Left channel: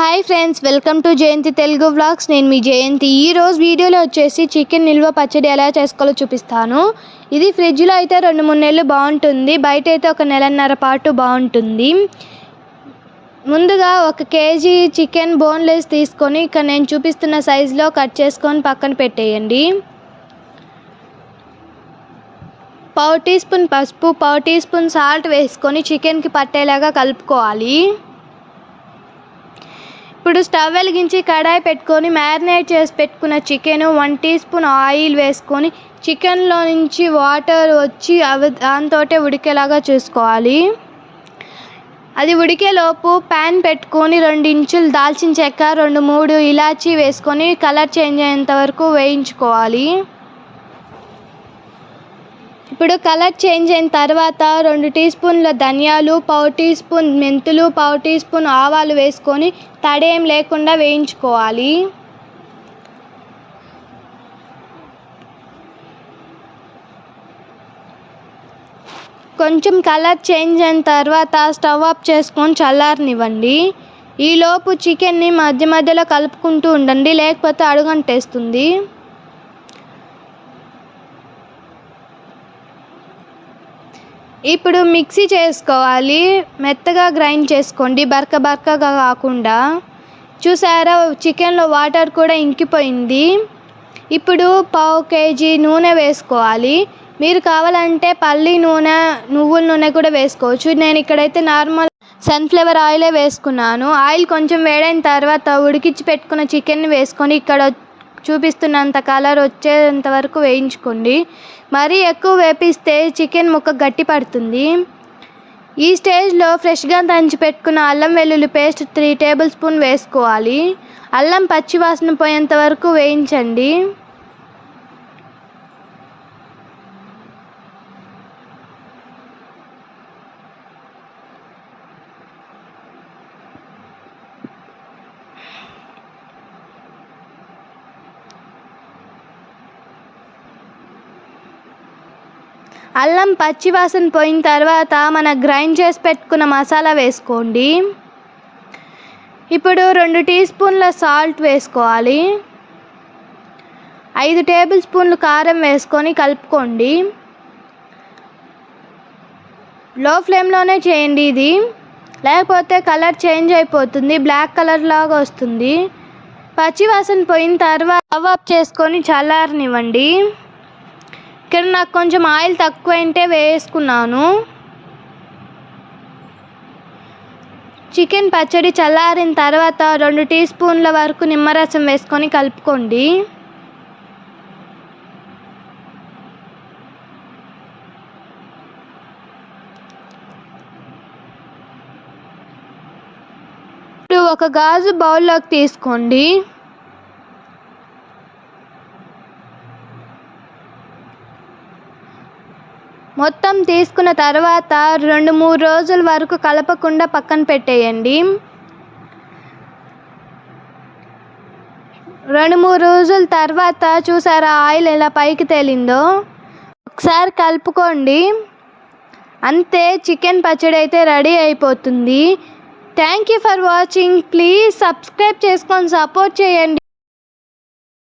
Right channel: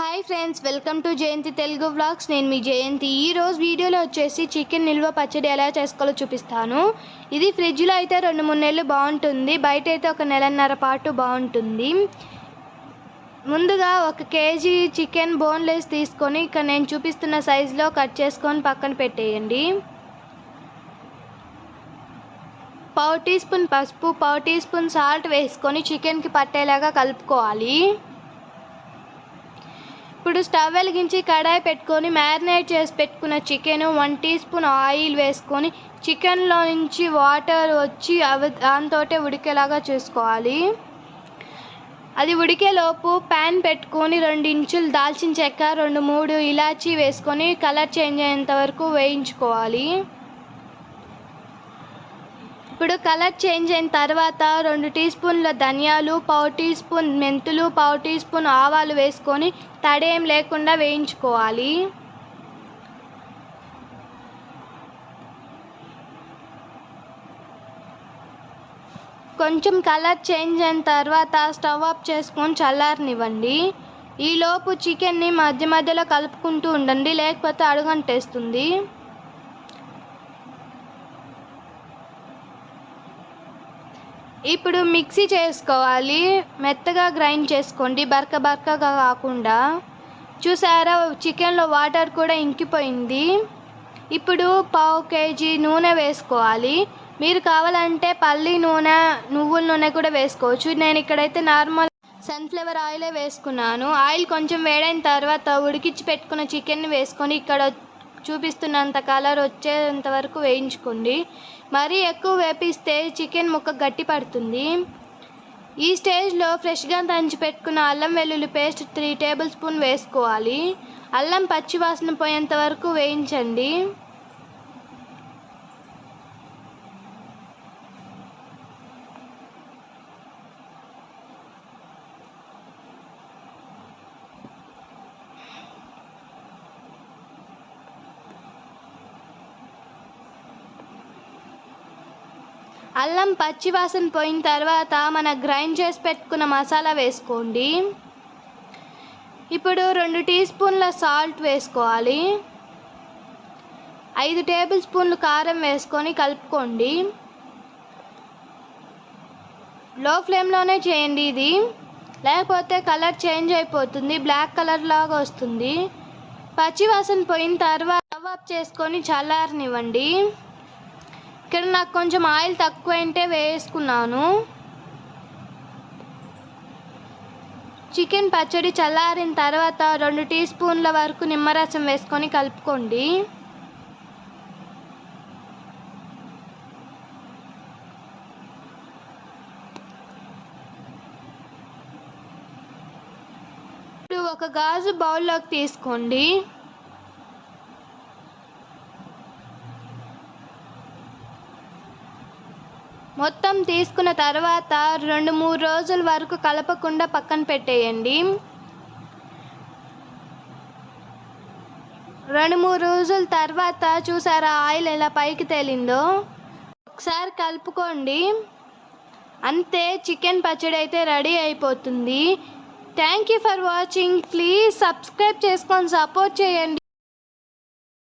Hi friends welcome to Jayanthi Telugu vlogs. నేను మీ జయంతి. ఈరోజు వీడియోలో వచ్చేసి చికెన్ నిల్వ పచ్చడి ఎలా చేసుకోవాలో చూపిస్తాను. ఇది ఫ్రిడ్జ్లో అయితే రెండు మూడు నెలలు బాగుంటుంది. బయట అయితే ఒక నెలన్నర పాటు బాగుంటుంది. ముందుగా ఒక కేజీ చికెన్ బోన్లెస్ తీసుకొని ఇక్కడ నేను చూపిస్తున్న సైజులో కట్ చేసుకొని పక్కన పెట్టేయండి. పావు టీ స్పూన్ పసుపు పావు టీ స్పూన్ సాల్ట్ వేసుకొని చికెన్కి పట్టేలాగా కలుపుకోవాలి. ఇప్పుడు స్టవ్ వెలిగించి కడాయి పెట్టుకొని మ్యారినేట్ చేసి పెట్టుకున్న chicken one teaspoon oil వేసుకొని చికెన్లో నుంచి వాటర్ వచ్చి అవి దాంతో ఉడికేలాగా చూసుకోవాలి. అది ఉడికేలోపు ప్యాన్ పెట్టుకొని రెండు ఇంచులు దాల్చిన చెక్క రెండు మూడు ఇలాచీ వేసుకొని కలర్ చేంజ్ అయ్యేంత వరకు వేయించుకోవాలి. ఇప్పుడు కలర్ చేంజ్ అయిన తర్వాత రెండు టీ స్పూన్ల ధనియాలు పావు టీ స్పూన్ మెంతులు పావు టీ స్పూన్ ఆవాలు వేసుకొని తడేం లేకుండా వేయించుకోవాలి. కొంచెం కలర్ చేంజ్ అయిన తర్వాత స్టవ్ ఆఫ్ చేసుకొని చల్లారనివ్వండి. ఈలోపు చికెన్ని మధ్య మధ్యలో కలుపుకుంటూ ఉండండి లేకపోతే అడుగంటేస్తుంది. ఇప్పుడు మిక్సీ చేసుకోవాలి. మెత్తగా గ్రైండ్ చేసుకోండి. బరక బరకగా కాకుండా. చూసారా? చికెన్లో వాటర్ కూడా ఇంకిపోయింది. ఇప్పుడు పావు కేజీ నూనె వేసుకోవాలి. మీరు కావాలంటే పల్లి నూనె నువ్వుల నూనె కూడా వేసుకోవచ్చు. నేను ఇక్కడైతే నార్మల్ సన్ఫ్లవర్ ఆయిలే వేసుకున్నాను. ఆయిల్ కొంచెం వేడైన తర్వాత ఉడికించి పెట్టుకున్న చికెన్ వేసుకొని ఇక్కడ చూపిస్తున్నంత కలర్ వచ్చేంత వరకు వేయించుకోండి. మరీ ఎక్కువ వేపిస్తే చికెన్ ముక్క గట్టి పడుతుంది. ఈ స్టేజ్లో ఫ్రెష్గా దంచి పెట్టుకున్న అల్లం వెల్లుల్లి పేస్ట్ త్రీ టేబుల్ స్పూన్ వేసుకోవాలి. అల్లం పచ్చి వాసన పోయేంత వరకు వేయించండి. అల్లం పచ్చివాసన పోయిన తర్వాత మన గ్రైండ్ చేసి పెట్టుకున్న మసాలా వేసుకోండి. ఇప్పుడు రెండు టీ స్పూన్ల సాల్ట్ వేసుకోవాలి. ఐదు టేబుల్ స్పూన్లు కారం వేసుకొని కలుపుకోండి. లో ఫ్లేమ్లోనే చేయండి ఇది. లేకపోతే కలర్ చేంజ్ అయిపోతుంది బ్లాక్ కలర్ లాగా వస్తుంది. పచ్చివాసన పోయిన తర్వాత స్టవ్ ఆఫ్ చేసుకొని చల్లారనివ్వండి. ఇక్కడ నాకు కొంచెం ఆయిల్ తక్కువ అంటే వేసుకున్నాను. చికెన్ పచ్చడి చల్లారిన తర్వాత రెండు టీ స్పూన్ల వరకు నిమ్మరసం వేసుకొని కలుపుకోండి. ఇప్పుడు ఒక గాజు బౌల్లోకి తీసుకోండి. మొత్తం తీసుకున్న తర్వాత రెండు మూడు రోజుల వరకు కలపకుండా పక్కన పెట్టేయండి. రెండు మూడు రోజుల తర్వాత చూసారా ఆయిల్ ఎలా పైకి తేలిందో? ఒకసారి కలుపుకోండి. అంతే చికెన్ పచ్చడి అయితే రెడీ అయిపోతుంది. Thank you for watching. Please subscribe చేసుకొని సపోర్ట్ చేయండి.